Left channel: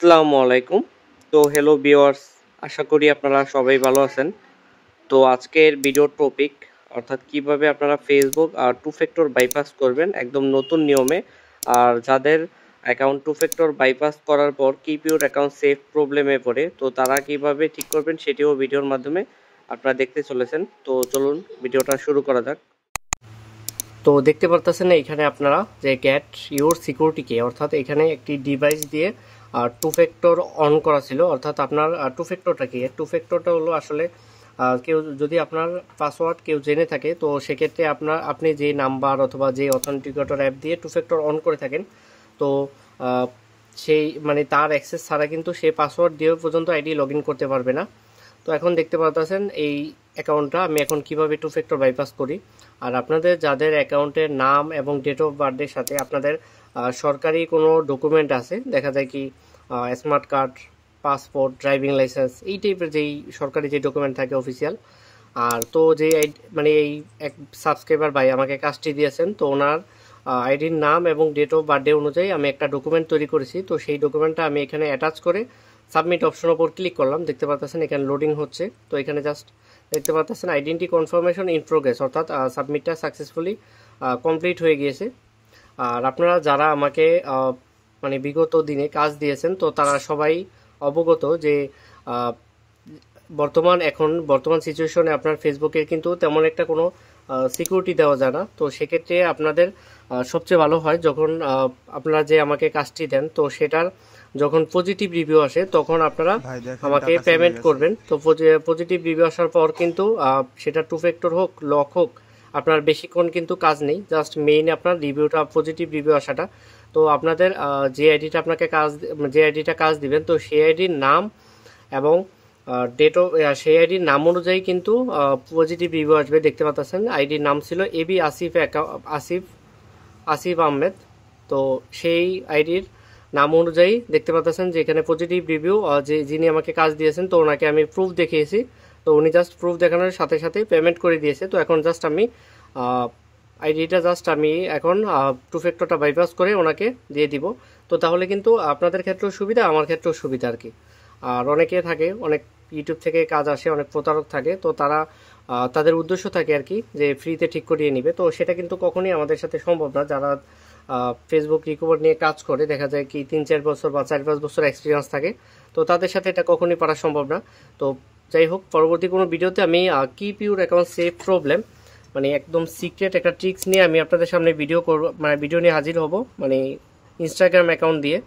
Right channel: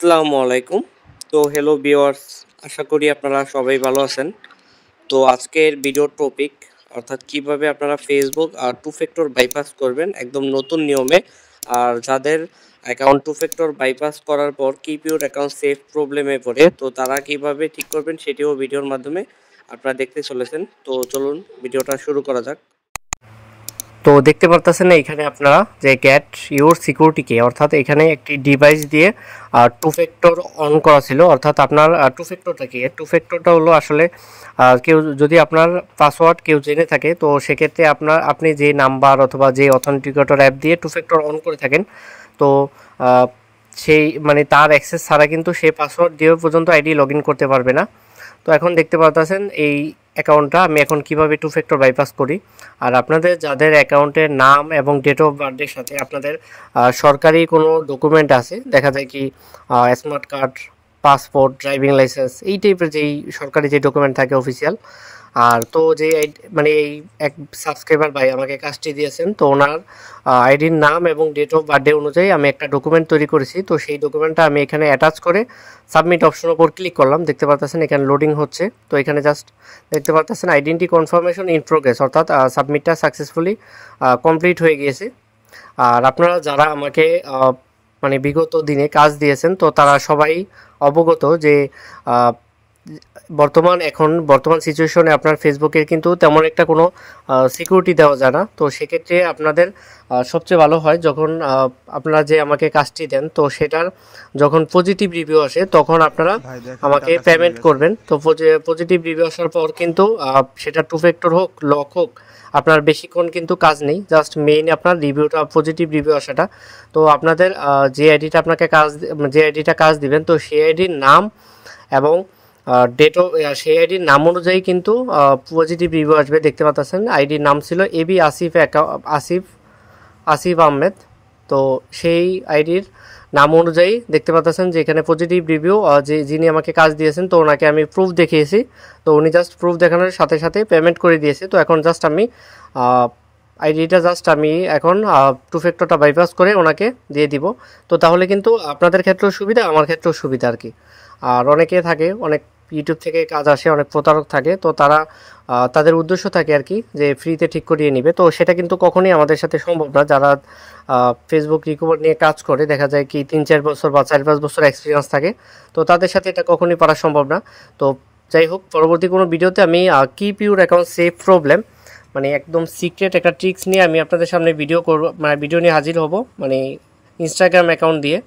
আসসালামু আলাইকুম। তো হ্যালো ভিউয়ার্স, আশা করি আপনারা সবাই ভালো আছেন। তো আজকের ভিডিওর টপিক অর্থাৎ কিভাবে আপনারা ফেসবুক আর টু ফ্যাক্টর বাইপাস করবেন একদম নতুন নিয়মে। আর যাদের অ্যাকাউন্ট টু ফ্যাক্টর বাইপাস করার পর কিপ ইউর অ্যাকাউন্ট সেফ প্রবলেমে পড়ে, তো তারা কিভাবে ঠিক করবেন সেটিও ভিডিওর মাধ্যমে আপনারা দেখতে চলেছেন। তো চলুন ভিডিওটা শুরু করা যাক। তো দেখতে পারতেছেন এখানে আপনারা যে গেট ইউর সিকিউরিটি কে, অর্থাৎ এখানে একটি ডিভাইস দিয়ে টু ফ্যাক্টর অন করা ছিল। অর্থাৎ আপনার টু ফ্যাক্টরটা কি? টু ফ্যাক্টরটা হলো আসলে কেউ যদি আপনার পাসওয়ার্ড কেউ জেনে থাকে, তো সেক্ষেত্রে আপনি যে নাম্বার অথবা যে অথেন্টিকেটর অ্যাপ দিয়ে টু ফ্যাক্টর অন করে থাকেন, তো সেই মানে তার অ্যাক্সেস ছাড়া কিন্তু সে পাসওয়ার্ড দিয়ে পর্যন্ত আইডি লগ ইন করতে পারবে না। তো এখন দেখতে পাচ্ছেন এই অ্যাকাউন্টটা আমি এখন কিভাবে টু ফ্যাক্টর বাইপাস করি। আর আপনাদের যাদের অ্যাকাউন্টের নাম এবং ডেট অফ বার্থের সাথে আপনাদের সরকারি কোনো ডকুমেন্ট আছে, দেখা যায় কি smart card, passport, driving licence, এই টাইপের যেই সরকারি যে ডকুমেন্ট থাকে অফিসিয়াল। আর তো যে মানে এই এক সাবস্ক্রাইবার ভাই আমাকে কাজটি দিয়েছেন, তো ওনার আইডির নাম এবং ডেট অফ বার্থডে অনুযায়ী আমি একটা ডকুমেন্ট তৈরি করেছি। তো সেই ডকুমেন্টটা আমি এখানে অ্যাটাচ করে সাবমিট অপশনের উপর ক্লিক করলাম। দেখতে পাচ্ছেন এখানে লোডিং হচ্ছে। তো এখানে জাস্ট দেখতে পাচ্ছেন আইডেন্টি কনফার্মেশন ইন প্রোগ্রেস, অর্থাৎ সাবমিটটা সাকসেসফুলি কমপ্লিট হয়ে গিয়েছে। আর আপনারা যারা আমাকে মানে বিগত দিনে কাজ দিয়েছেন, তো তারা সবাই অবগত যে বর্তমান সিচুয়েশনে আপনার ফেসবুকের কিন্তু তেমন একটা কোনো সিকিউরিটি দেওয়া যায় না। তো সেক্ষেত্রে আপনাদের সবচেয়ে ভালো হয় যখন আপনারা যে আমাকে কাজটি দেন, তো সেটার যখন পজিটিভ রিভিউ আসে তখন আপনারা আমাকে পেমেন্ট করবেন। তো পজিটিভ রিভিউ আসার পর কিন্তু সেটা টু ফ্যাক্টর হোক, লক হোক, আপনার বেশিক্ষণ কিন্তু কাজ নেই, জাস্ট মেইন আপনার রিভিউটা, পজিটিভ রিভিউ আসাটা। তো আপনাদের যে আইডিটা কাজ দিবেন, তো সেই আইডির নাম এবং ডেটও সেই আইডির নাম অনুযায়ী কিন্তু পজিটিভ রিভিউ আসবে। দেখতে পাচ্ছেন আইডির নাম ছিল এবি আসিফ আহমেদ। তো সেই আইডির নাম অনুযায়ী দেখতে পাচ্ছেন যে এখানে পজিটিভ রিভিউ, যিনি আমাকে কাজ দিয়েছেন, তো ওনাকে আমি প্রুফ দেখিয়েছি। তো উনি জাস্ট প্রুফ দেখানোর সাথে সাথে পেমেন্ট করে দিয়েছে। তো এখন জাস্ট আমি এখন টু ফ্যাক্টরটা বাইপাস করে ওনাকে দিয়ে দিব। তো তাহলে কিন্তু আপনাদের ক্ষেত্রেও সুবিধা, আমার ক্ষেত্রেও সুবিধা আর কি। আর অনেকে থাকে, অনেক ইউটিউব থেকে কাজ আসে, অনেক প্রতারক থাকে, তো তারা তাদের উদ্দেশ্য থাকে আর কি যে ফ্রিতে ঠিক করিয়ে নিবে। তো সেটা কিন্তু কখনোই আমাদের সাথে সম্ভব না। যারা ফেসবুক রিকভার নিয়ে কাজ করে, দেখা যায় কি 3-4 বছর বা 4-5 বছর এক্সপিরিয়েন্স থাকে, তো তাদের সাথে এটা কখনোই পারা সম্ভব না। তো যাই হোক, পরবর্তী কোনো ভিডিওতে আমি keep your account safe problem, মানে একদম সিক্রেট একটা ট্রিক্স নিয়ে আমি আপনাদের সামনে ভিডিও করব, মানে ভিডিও নিয়ে হাজির হব, মানে ইনস্টাগ্রাম অ্যাকাউন্ট দিয়ে।